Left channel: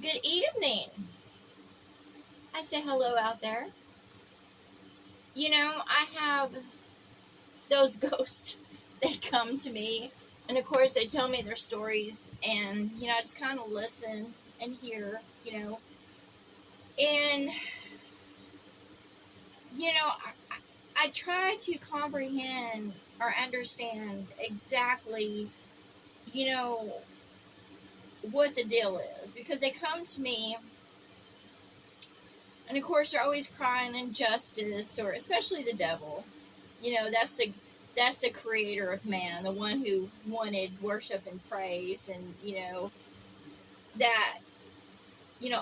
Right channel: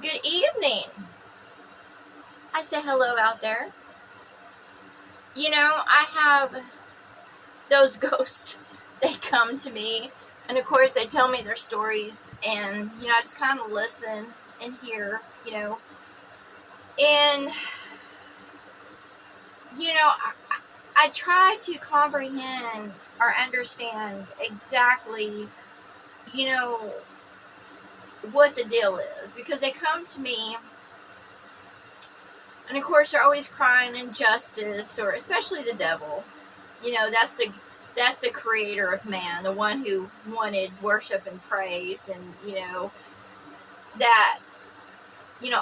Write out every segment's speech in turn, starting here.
Good evening. I say hello out there. I have those ghosts. They come to me, and of course, they tell me their stories, and I just kind of listen and hear. And I try to comprehend or understand exactly, you know, what the deal is, because they come to me. And of course, they're always crying injustice, or especially the devil. That's the creator of man, the one who wanted worship and praise, and that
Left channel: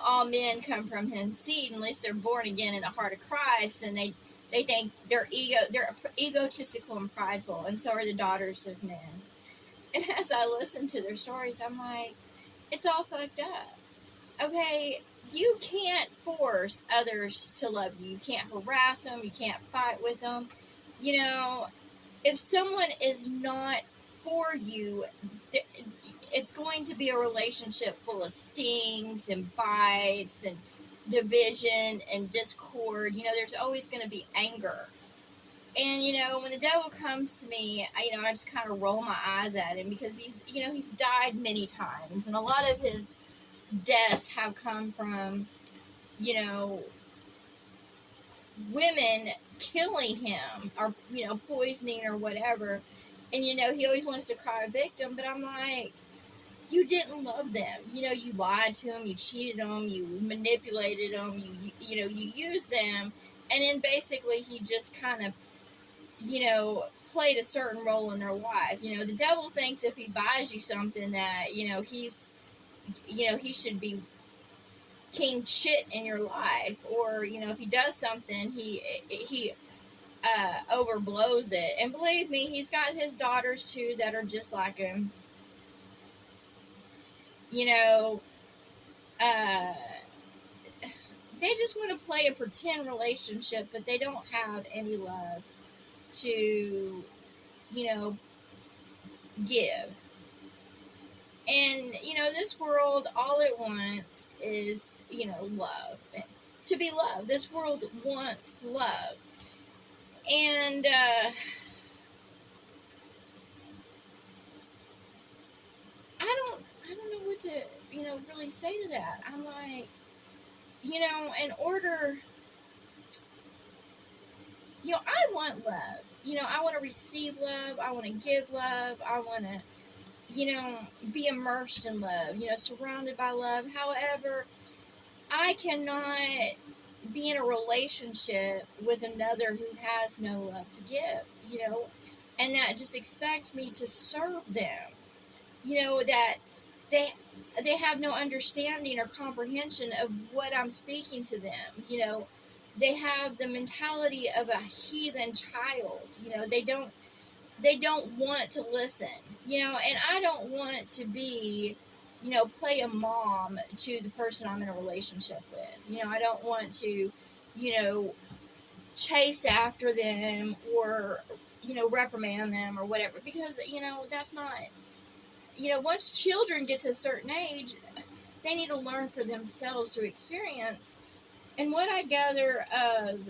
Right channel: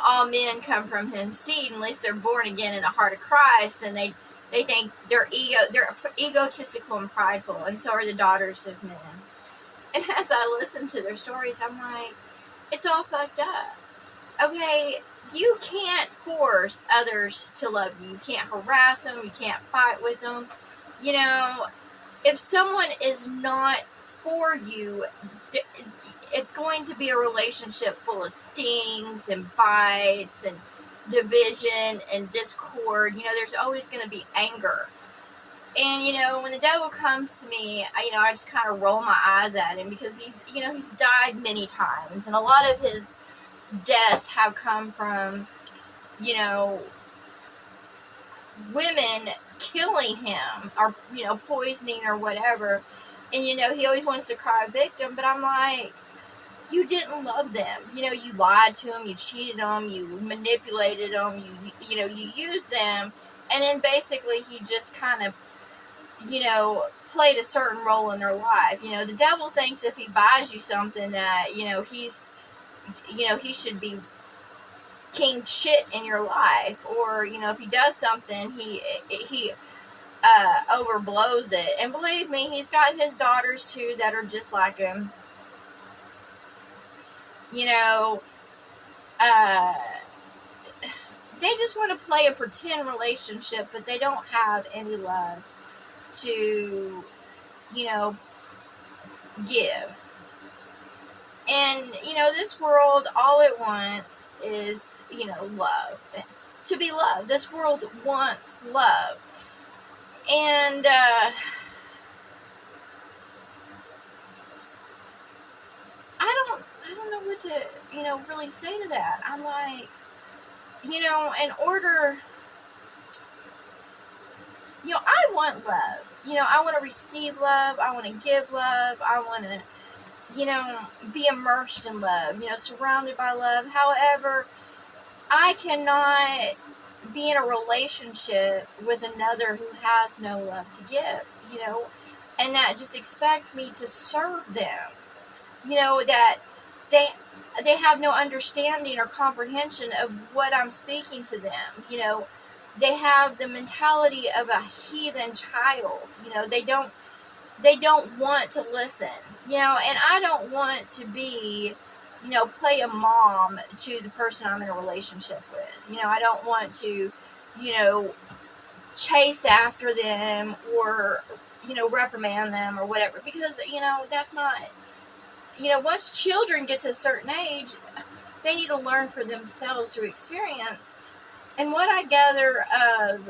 all men come from his seed unless they're born again in the heart of Christ, and they think they're egotistical and prideful, and so are the daughters of men. And as I listen to their stories, I'm like, it's all fucked up. Okay, you can't force others to love you. You can't harass them. You can't fight with them. If someone is not for you, it's going to be a relationship full of stings and bites and division and discord. There's always going to be anger. And when the devil comes to me, I just kind of roll my eyes at him, because he's died many times, and a lot of his deaths have come from women killing him, or poisoning or whatever. And he always wants to cry victim, but I'm like, you didn't love them. You lied to them, you cheated them, you manipulated them, you used them, and then basically he just kind of played a certain role in their life. The devil thinks if he buys you something that he should be king shit in your life, or if he does something, he overblows it. And believe me, he's got his daughters too that are just like him. They just want to play a pretend relationship, but they don't have any love to give. And this world, all it wants is love, to be loved. This world wants love. And I don't know what to really say to that. I'm like, in order, I want love. I want to receive love. I want to give love. I want to be immersed in love, surrounded by love. However, I cannot be in a relationship with another who has no love to give, and that just expects me to serve them, that they have no understanding or comprehension of what I'm speaking to them. They have the mentality of a heathen child. They don't want to listen, and I don't want to be, play a mom to the person I'm in a relationship with. I don't want to, chase after them, or, reprimand them or whatever, because, that's not, once children get to a certain age, they need to learn for themselves through experience. And what I gather of,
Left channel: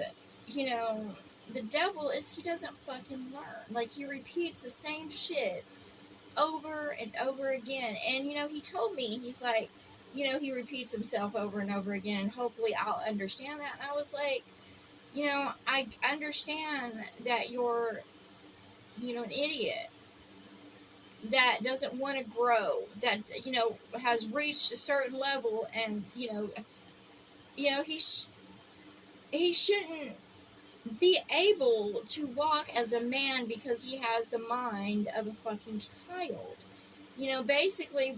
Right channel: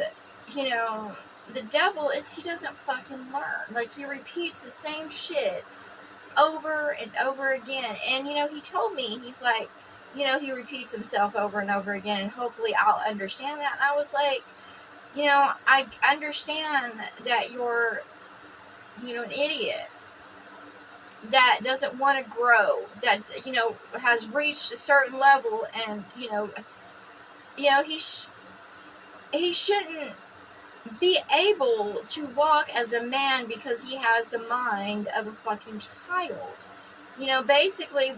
the devil is, he doesn't fucking learn. Like, he repeats the same shit over and over again. And, he told me, he's like, he repeats himself over and over again, and hopefully I'll understand that. And I was like, I understand that you're, an idiot that doesn't want to grow, that, has reached a certain level, and, he shouldn't be able to walk as a man because he has the mind of a fucking child. Basically,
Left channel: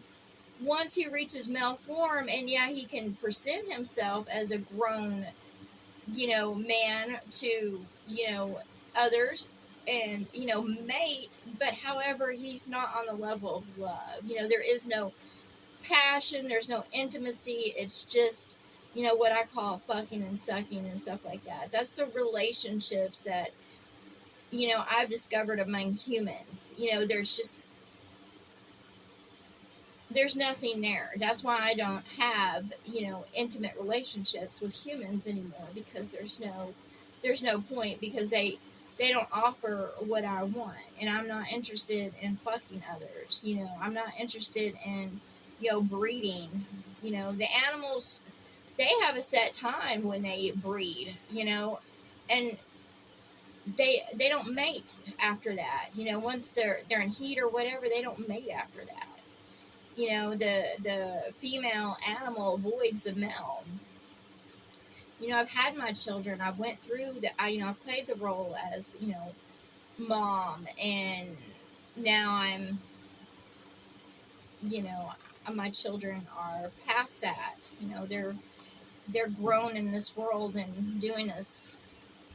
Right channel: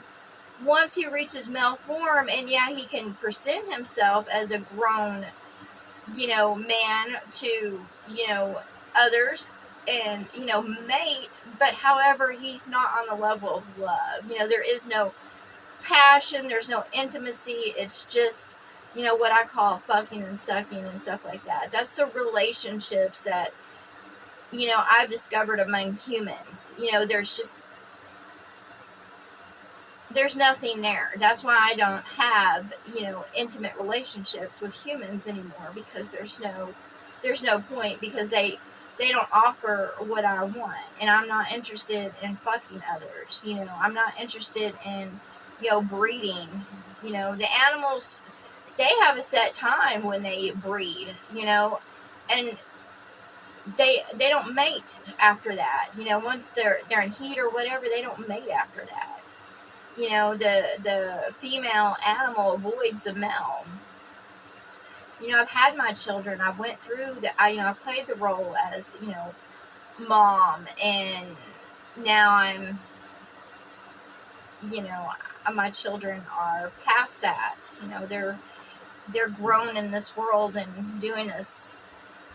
once he reaches male form, and he can present himself as a grown, man to, others, and, mate, but however, he's not on the level of love. There is no passion, there's no intimacy, it's just, what I call fucking and sucking and stuff like that. That's the relationships that, I've discovered among humans. There's just, there's nothing there. That's why I don't have, intimate relationships with humans anymore, because there's no point, because they don't offer what I want, and I'm not interested in fucking others. I'm not interested in, breeding. The animals, they have a set time when they breed, and they don't mate after that. Once they're in heat or whatever, they don't mate after that. The female animal avoids the male. I've had my children. I went through I played the role as, mom, and now I'm, my children are past that. They're grown in this world and doing as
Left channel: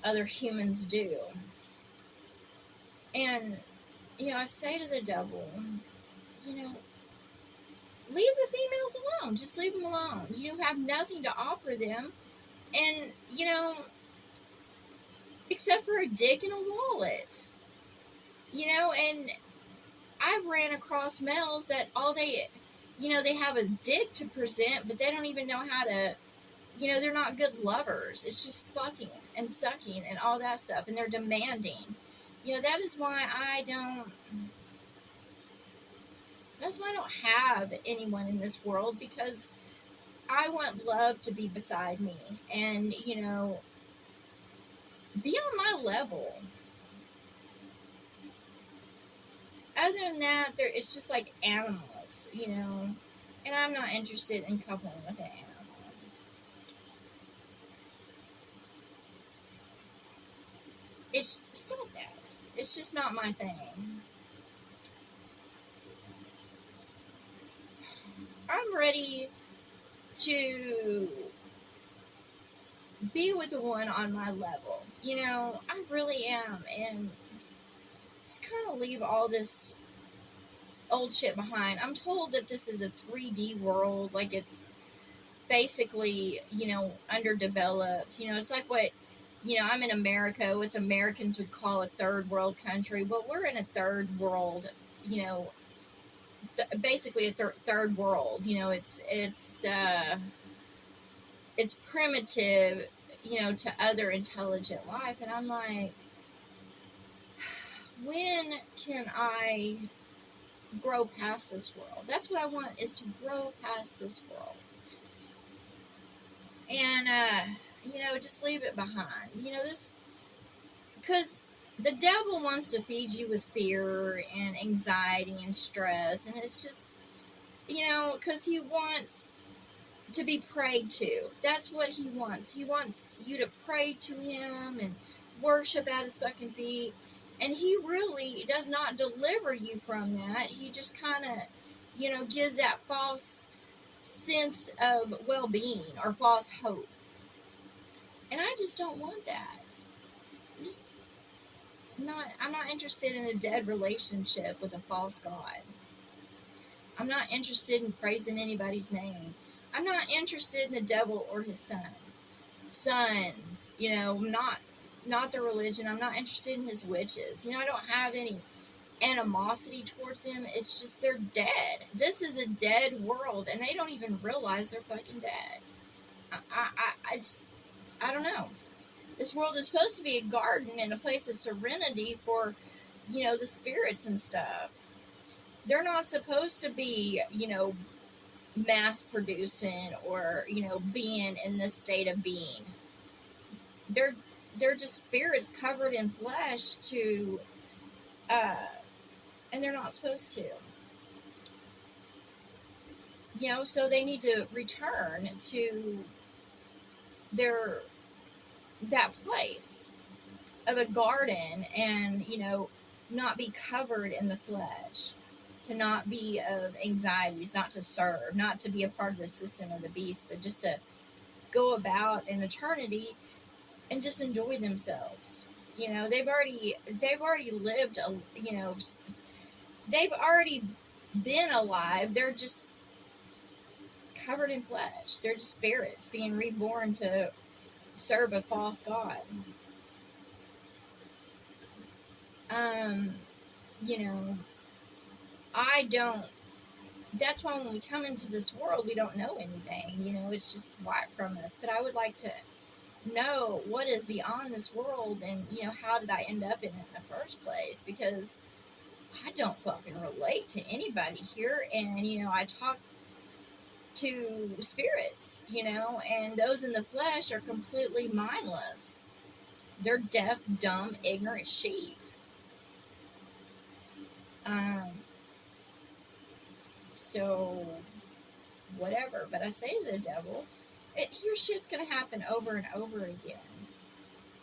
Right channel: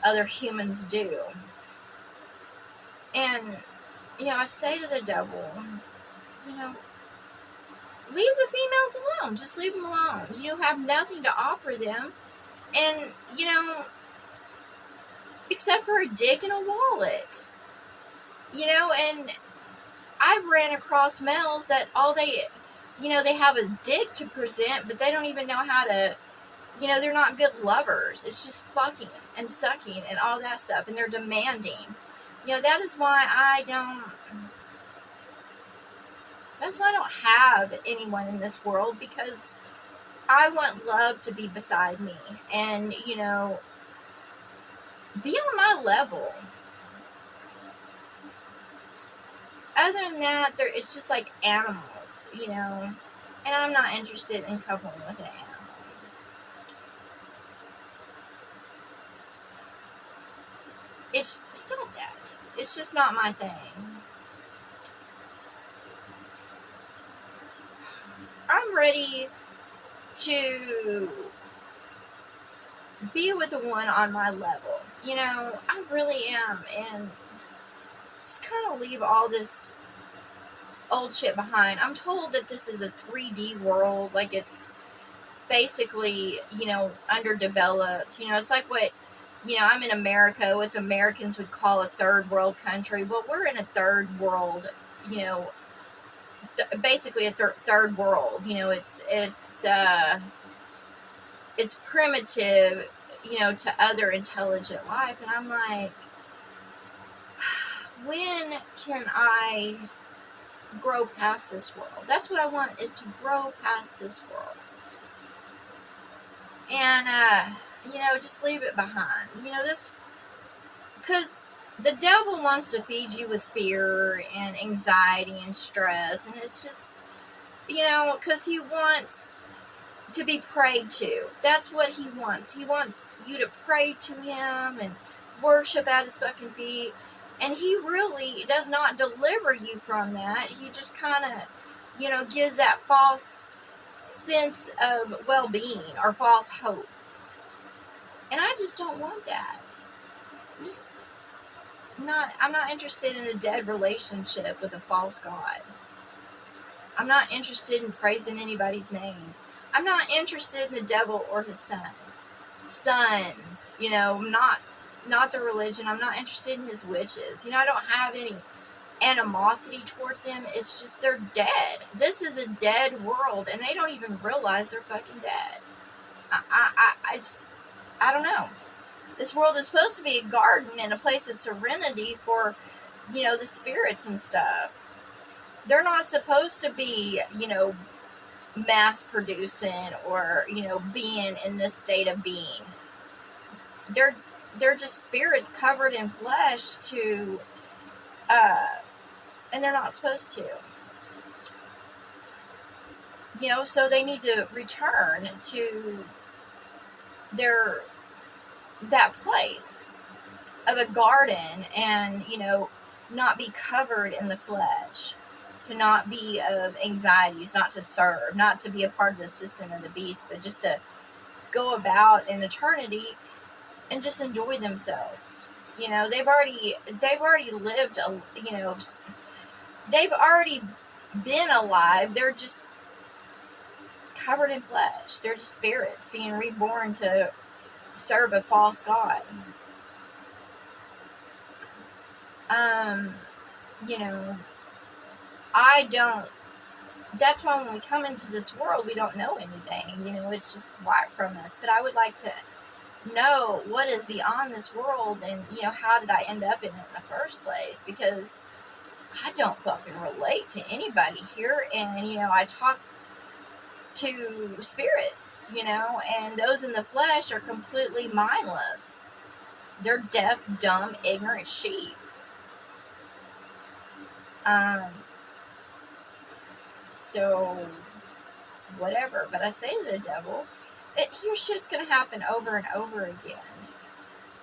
other humans do. And, I say to the devil, leave the females alone. Just leave them alone. You have nothing to offer them. And, except for a dick and a wallet. And I've ran across males that all they have a dick to present, but they don't even know how to, they're not good lovers. It's just fucking and sucking and all that stuff. And they're demanding. That is why I don't have anyone in this world, because I want love to be beside me and, be on my level. Other than that, it's just like animals, and I'm not interested in coupling with an animal. It's stop that. It's just not my thing. I'm ready to be with the one on my level. I really am. And just kind of leave all this old shit behind. I'm told that this is a 3D world. Like, it's basically, underdeveloped. It's like what, I'm in America, what Americans would call a third world country. Well, we're in a third world, basically a third world. It's primitive, to other intelligent life. And I'm like, when can I grow past this world? That's what I want, is to grow past this world. And, just leave it behind. Because the devil wants to feed you with fear and anxiety and stress. And it's just, because he wants to be prayed to. That's what he wants. He wants you to pray to him and worship at his fucking feet. And he really does not deliver you from that. He just kind of, gives that false sense of well-being or false hope. And I just don't want that. I'm not interested in a dead relationship with a false god. I'm not interested in praising anybody's name. I'm not interested in the devil or his sons, not the religion. I'm not interested in his witches. I don't have any animosity towards them. It's just they're dead. This is a dead world, and they don't even realize they're fucking dead. I don't know. This world is supposed to be a garden and a place of serenity for, the spirits and stuff. They're not supposed to be, mass producing or, being in this state of being. They're just spirits covered in flesh to, and they're not supposed to. So they need to return to that place of a garden and, not be covered in the flesh, to not be of anxieties, not to serve, not to be a part of the system of the beast, but just to go about in eternity and just enjoy themselves. They've already lived, they've already been alive. They're just covered in flesh. They're just spirits being reborn to serve a false god. I don't that's why when we come into this world, we don't know anything. You know, it's just wiped from us. But I would like to know what is beyond this world, and, you know, how did I end up in it in the first place? Because I don't fucking relate to anybody here. And, you know, I talk to spirits, you know, and those in the flesh are completely mindless. They're deaf, dumb, ignorant sheep. So whatever. But I say to the devil, here shit's gonna happen over and over again.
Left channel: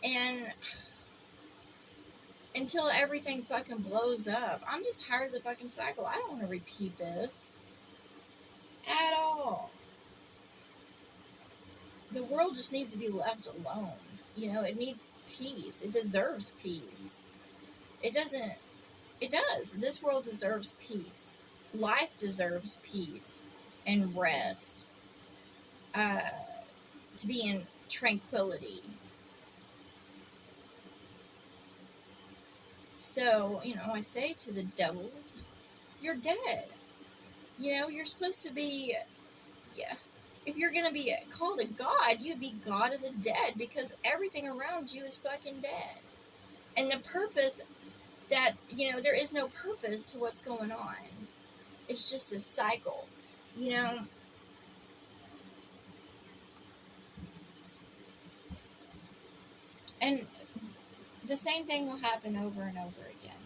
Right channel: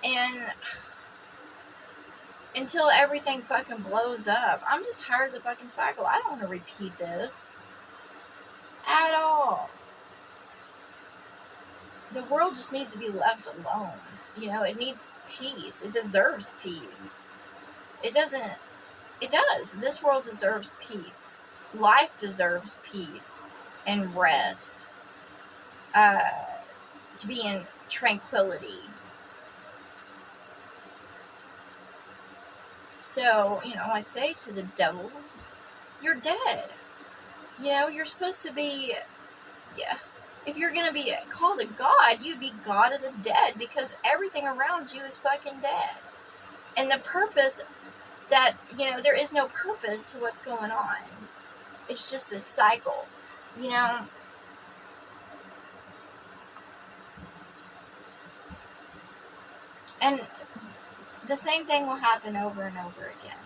And until everything fucking blows up. I'm just tired of the fucking cycle. I don't want to repeat this at all. The world just needs to be left alone. You know, it needs peace. It deserves peace. It does. This world deserves peace. Life deserves peace and rest. To be in tranquility. So, you know, I say to the devil, you're dead. You know, you're supposed to be, yeah, if you're going to be called a god, you'd be God of the dead, because everything around you is fucking dead. And the purpose that, you know, there is no purpose to what's going on. It's just a cycle, you know. And the same thing will happen over and over again.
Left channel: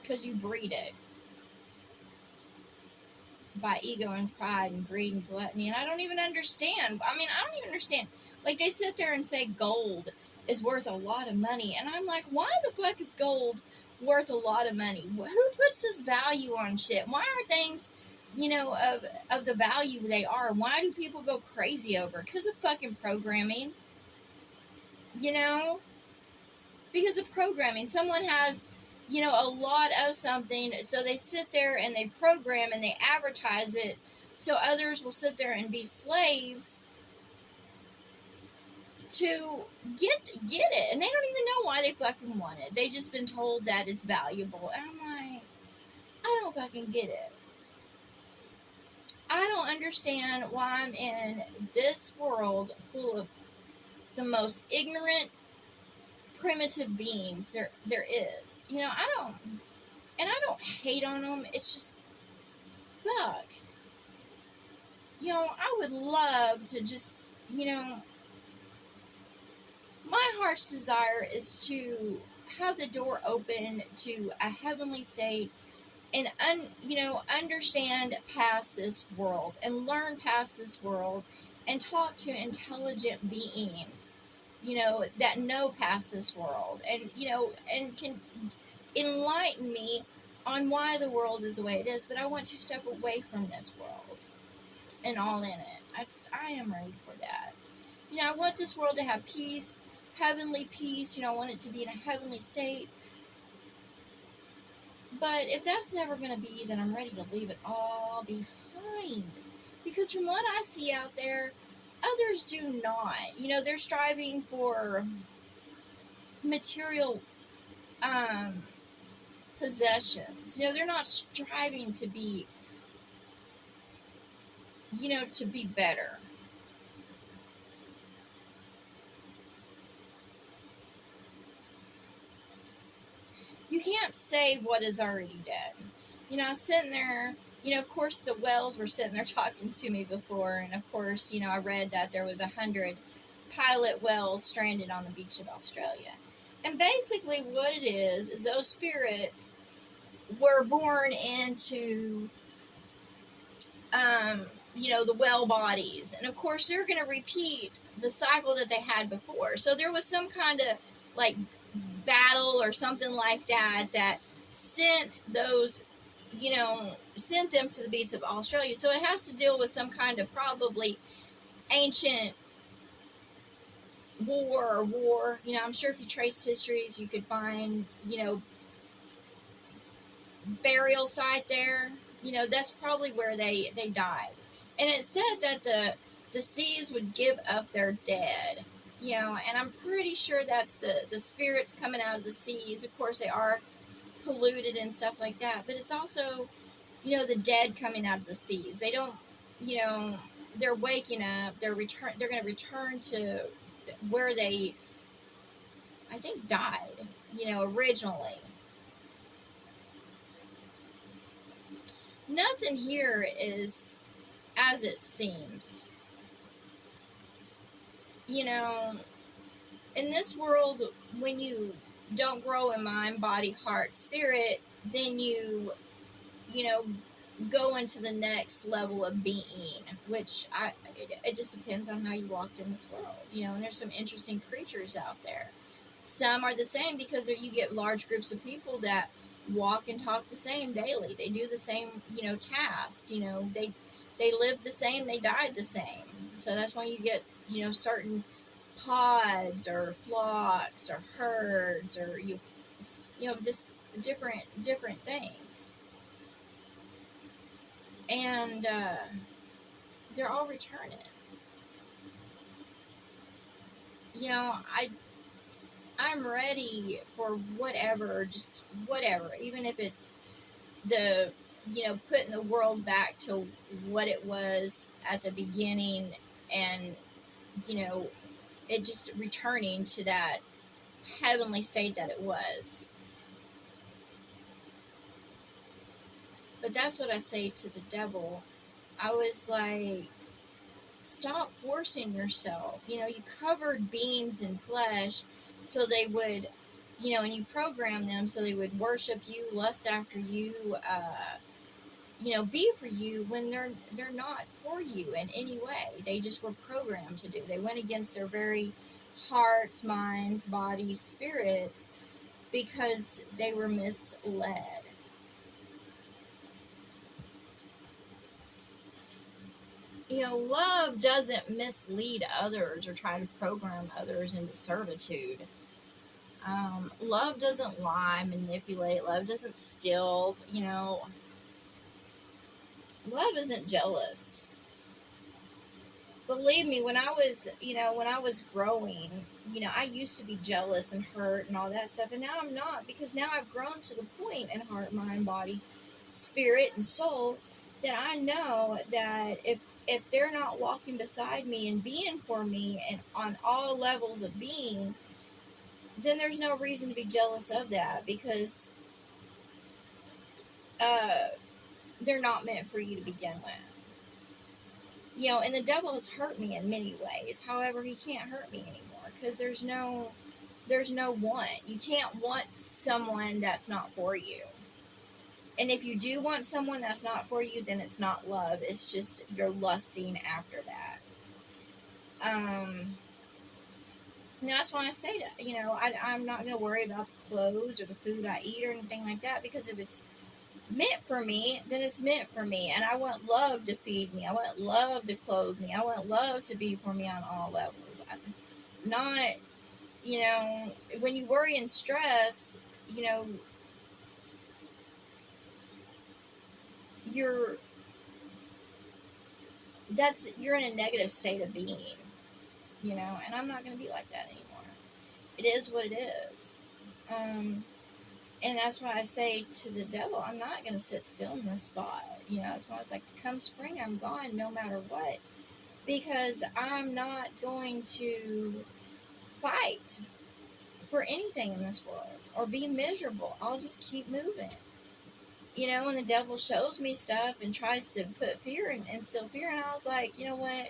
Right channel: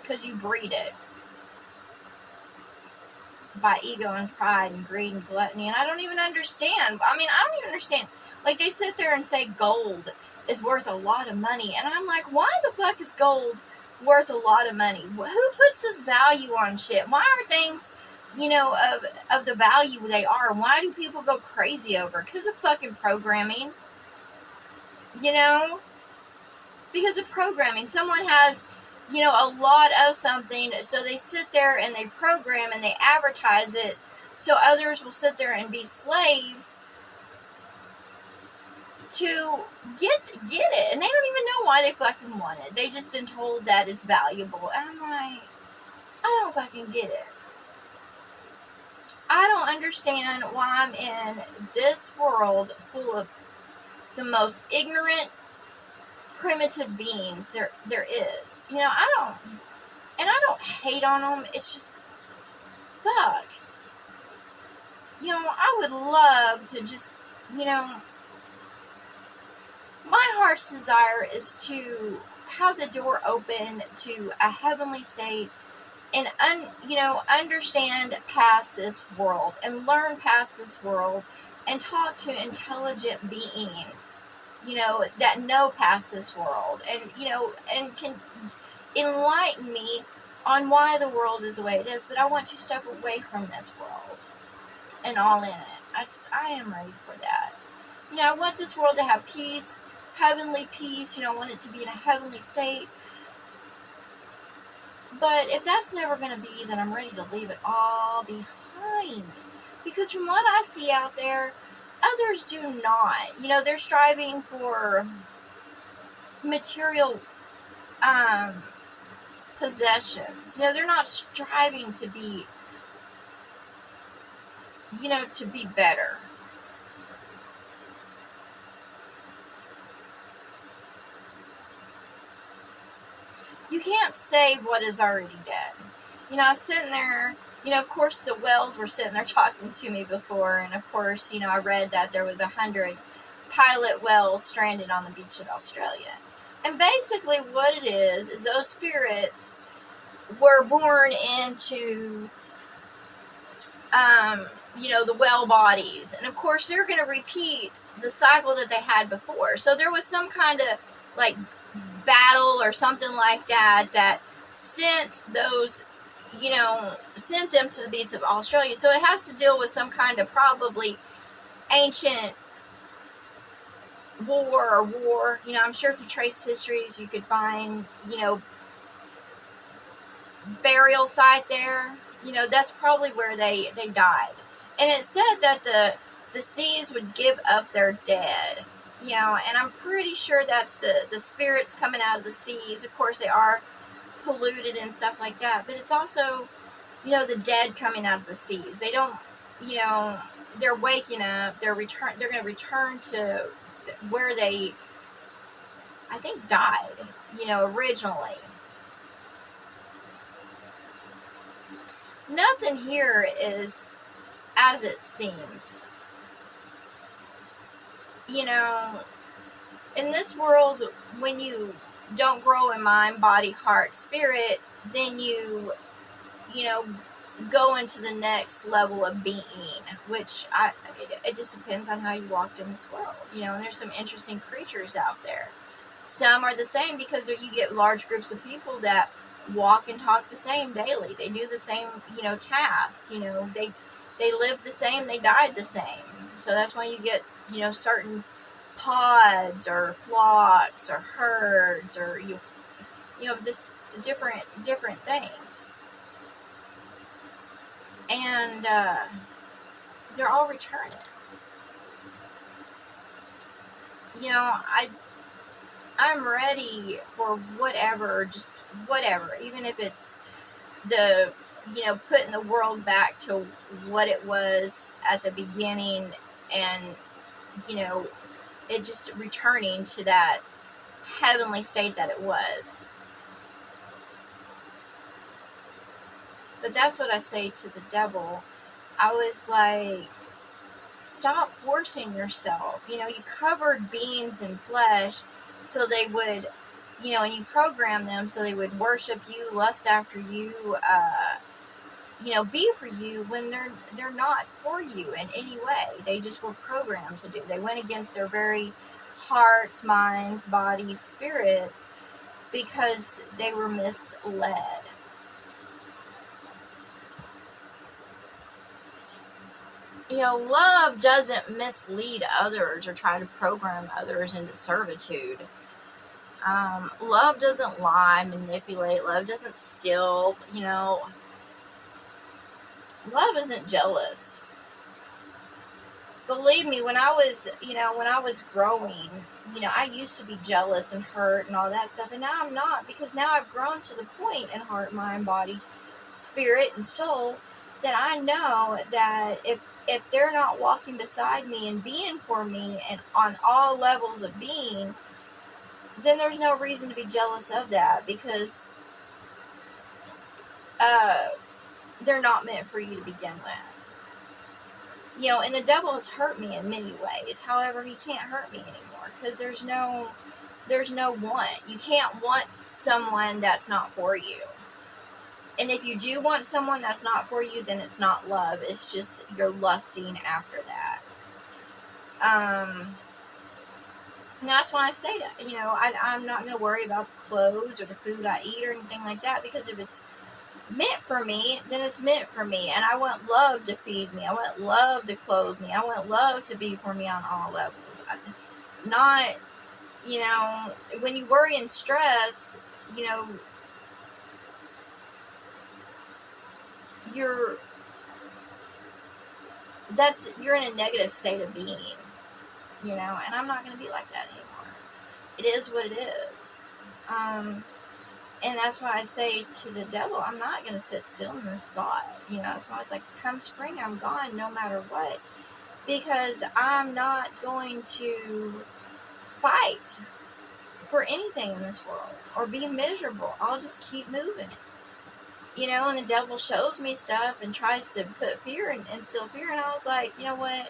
Because you breed it. By ego and pride and greed and gluttony. And I don't even understand. I don't even understand. Like, they sit there and say gold is worth a lot of money. And I'm like, why the fuck is gold worth a lot of money? Who puts this value on shit? Why are things, you know, of the value they are? Why do people go crazy over it? Because of fucking programming. You know? Because of programming. Someone has, you know, a lot of something, so they sit there and they program and they advertise it, so others will sit there and be slaves to get it, and they don't even know why they fucking want it. They just been told that it's valuable, and I'm like, I don't fucking get it. I don't understand why I'm in this world full of the most ignorant, primitive beings there is. You know, I don't hate on them. It's just, fuck. You know, I would love to just, you know, my heart's desire is to have the door open to a heavenly state and, you know, understand past this world and learn past this world and talk to intelligent beings, you know, that know past this world, and, you know, and can enlighten me on why the world is the way it is. But I want to step away from this world and all in it. I am ready for that. You know, I want this world to have peace, heavenly peace. You know, I want it to be in a heavenly state. But if that's never going to be, then I'm ready to leave it all behind. Because from what I see out there, others do not. You know, they're striving for material possessions. You know, they're not striving to be, you know, to be better. You can't save what is already dead. You know, I was sitting there, you know, of course the Wells were sitting there talking to me before, and of course, you know, I read that there was 100 pilot whales stranded on the beach of Australia. And basically what it is those spirits were born into, you know, the whale bodies. And of course they're going to repeat the cycle that they had before. So there was some kind of, like, battle or something like that that sent those, you know, sent them to the beach of Australia. So it has to deal with some kind of probably ancient war. You know, I'm sure if you trace histories, you could find, you know, burial site there. You know, that's probably where they died. And it said that the seas would give up their dead. You know, and I'm pretty sure that's the spirits coming out of the seas. Of course, they are polluted and stuff like that. But it's also, the dead coming out of the seas. They don't, you know, they're waking up. They're going to return to where they, I think, died, originally. Nothing here is as it seems. In this world, when you don't grow in mind, body, heart, spirit, then you go into the next level of being, which it just depends on how you walked in this world, and there's some interesting creatures out there. Some are the same because you get large groups of people that walk and talk the same daily. They do the same, task, they live the same, they died the same. So that's why you get, certain pods or flocks or herds or, just different things. And they're all returning. I'm ready for whatever, just whatever, even if it's the, putting the world back to what it was at the beginning and, it just returning to that heavenly state that it was. But that's what I say to the devil. I was like, stop forcing yourself. You covered beings in flesh so they would, and you program them so they would worship you, lust after you, be for you when they're not for you in any way. They just were programmed to do. They went against their very hearts, minds, bodies, spirits because they were misled. Love doesn't mislead others or try to program others into servitude. Love doesn't lie, manipulate. Love doesn't steal. Love isn't jealous. Believe me, when I was growing, I used to be jealous and hurt and all that stuff, and now I'm not, because now I've grown to the point in heart, mind, body, spirit, and soul that I know that if they're not walking beside me and being for me and on all levels of being, then there's no reason to be jealous of that, because they're not meant for you to begin with. And the devil has hurt me in many ways. However, he can't hurt me anymore because there's no want. You can't want someone that's not for you. And if you do want someone that's not for you, then it's not love. It's just you're lusting after that. And that's why I say that. I'm not going to worry about the clothes or the food I eat or anything like that, because if it's meant for me, then it's meant for me. And I want love to feed me. I want love to clothe me. I want love to be for me on all levels. Not, when you worry and stress, you're in a negative state of being, and I'm not going to be like that anymore. It is what it is. And that's why I say to the devil, I'm not going to sit still in this spot. That's why I was like, come spring, I'm gone no matter what. Because I'm not going to fight for anything in this world or be miserable. I'll just keep moving. And the devil shows me stuff and tries to put fear and instill fear. And I was like, you know what?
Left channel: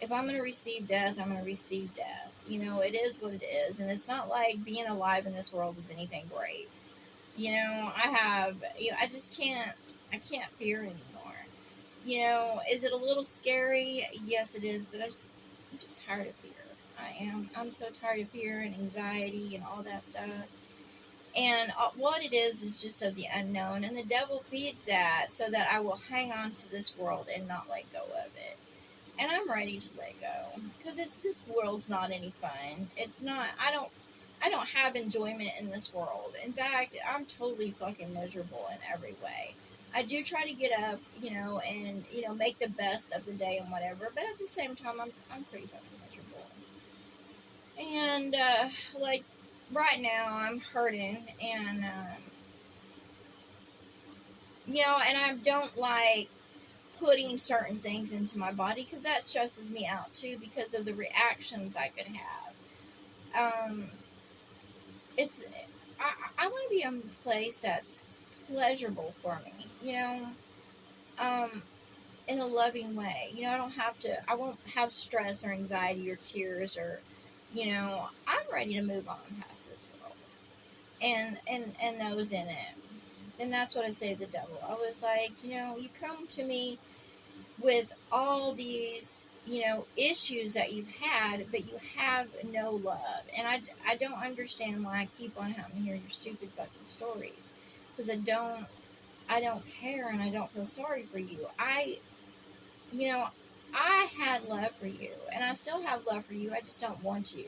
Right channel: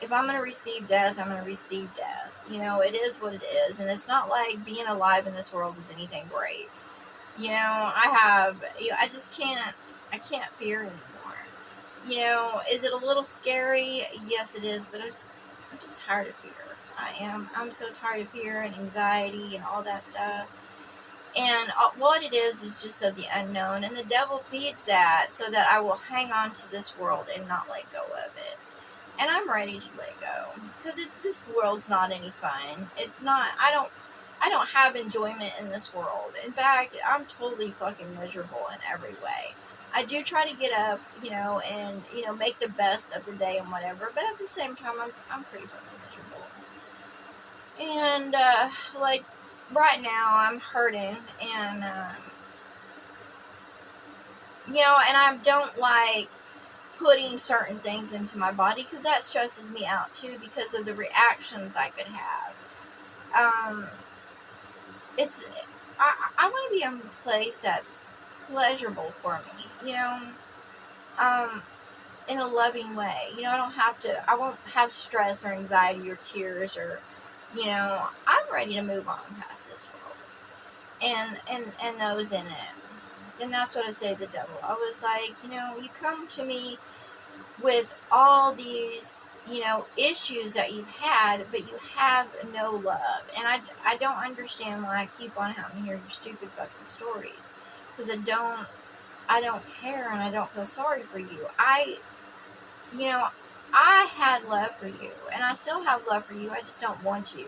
If I'm going to receive death, I'm going to receive death. It is what it is. And it's not like being alive in this world is anything great. I just can't fear anymore. Is it a little scary? Yes, it is, but I'm just tired of fear. I'm so tired of fear and anxiety and all that stuff. And what it is just of the unknown, and the devil feeds that so that I will hang on to this world and not let go of it. And I'm ready to let go, because this world's not any fun. It's not. I don't have enjoyment in this world. In fact, I'm totally fucking miserable in every way. I do try to get up, and, make the best of the day and whatever. But at the same time, I'm pretty fucking miserable. And, like, right now, I'm hurting. And, You know, and I don't like putting certain things into my body because that stresses me out too because of the reactions I could have. It's I want to be in a place that's pleasurable for me, you know, um, in a loving way. You know, I won't have stress or anxiety or tears or, you know, I'm ready to move on past this world and those in it. And that's what I say to the devil. I was like, you know, you come to me with all these, you know, issues that you've had, but you have no love. And I don't understand why I keep on having to hear your stupid fucking stories. Because I don't care and I don't feel sorry for you. You know, I had love for you and I still have love for you. I just don't want you.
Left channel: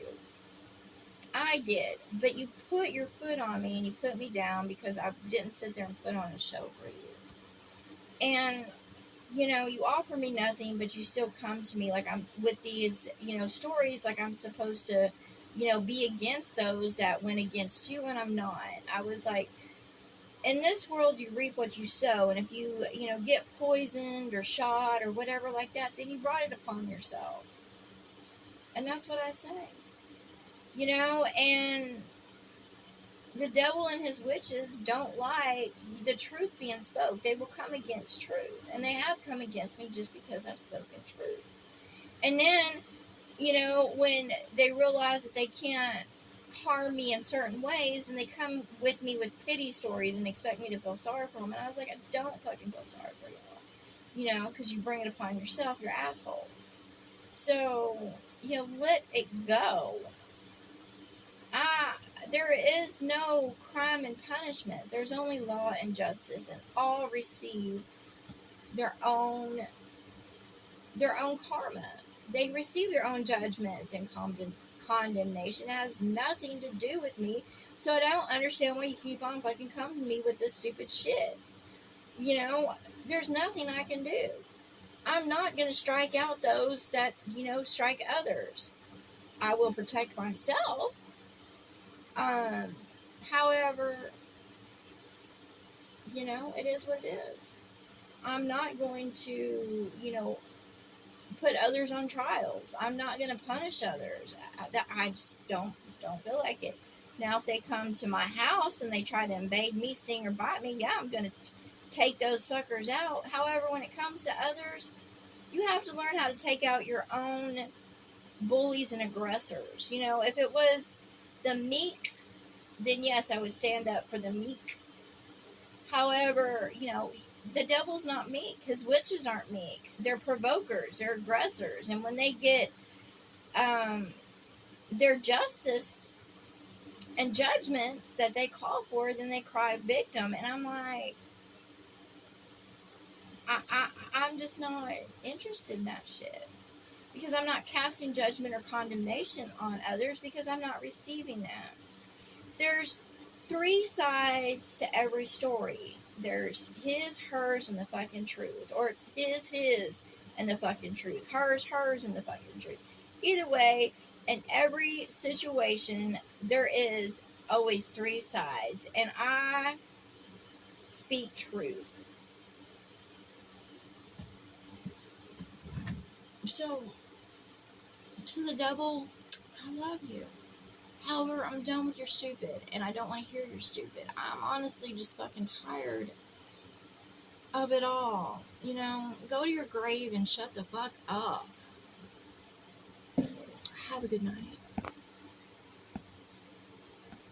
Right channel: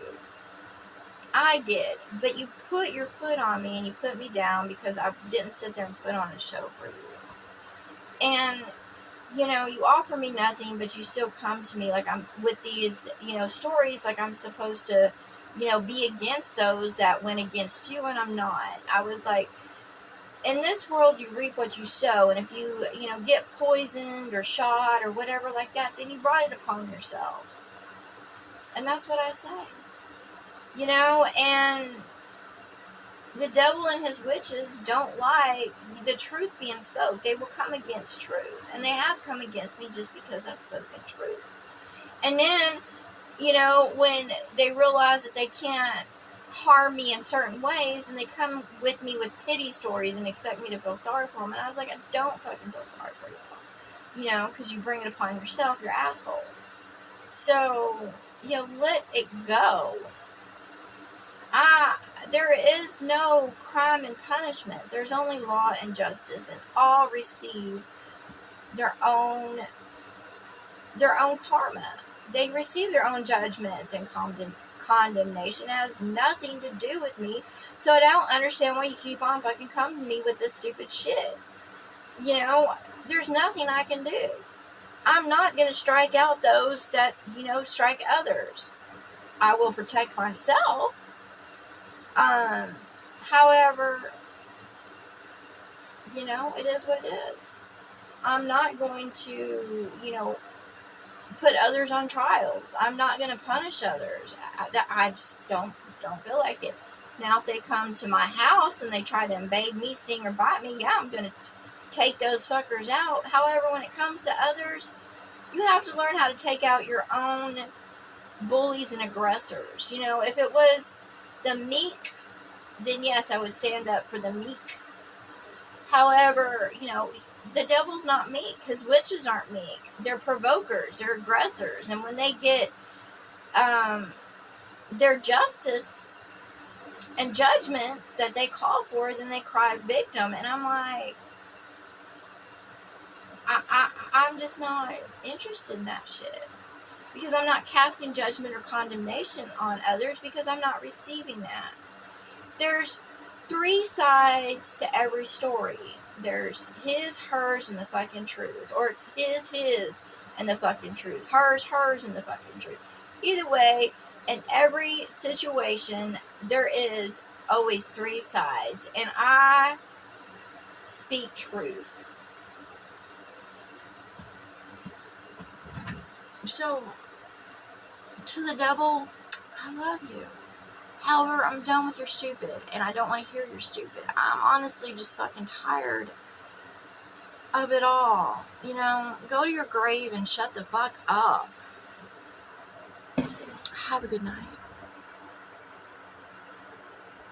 I did. But you put your foot on me and you put me down because I didn't sit there and put on a show for you. And you know, you offer me nothing, but you still come to me like I'm with these, you know, stories like I'm supposed to, you know, be against those that went against you, and I'm not. I was like, in this world, you reap what you sow, and if you know, get poisoned or shot or whatever like that, then you brought it upon yourself. And that's what I say. You know, and the devil and his witches don't like the truth being spoke. They will come against truth. And they have come against me just because I've spoken truth. And then, you know, when they realize that they can't harm me in certain ways, and they come with me with pity stories and expect me to feel sorry for them. And I was like, I don't fucking feel sorry for you. You know, because you bring it upon yourself, you're assholes. So, you know, let it go. There is no crime and punishment. There's only law and justice, and all receive their own karma. They receive their own judgments and condemnation. It has nothing to do with me. So I don't understand why you keep on fucking coming to me with this stupid shit. You know, there's nothing I can do. I'm not going to strike out those that, you know, strike others. I will protect myself. However, you know, it is what it is. I'm not going to, you know, put others on trials. I'm not going to punish others. I just don't feel like it. Now, if they come to my house and they try to invade me, sting, or bite me, yeah, I'm going to take those fuckers out. However, when it comes to others, you have to learn how to take out your own bullies and aggressors. You know, if it was the meek, then yes, I would stand up for the meek. However, you know, the devil's not meek. His witches aren't meek. They're provokers. They're aggressors. And when they get their justice and judgments that they call for, then they cry victim. And I'm like, I'm just not interested in that shit. Because I'm not casting judgment or condemnation on others because I'm not receiving that. There's 3 sides to every story. There's his, hers, and the fucking truth. Or it's his, and the fucking truth. Hers, and the fucking truth. Either way, in every situation, there is always 3 sides. And I speak truth. So, to the devil, I love you. However, I'm done with your stupid, and I don't want to hear your stupid. I'm honestly just fucking tired of it all. You know, go to your grave and shut the fuck up. Have a good night.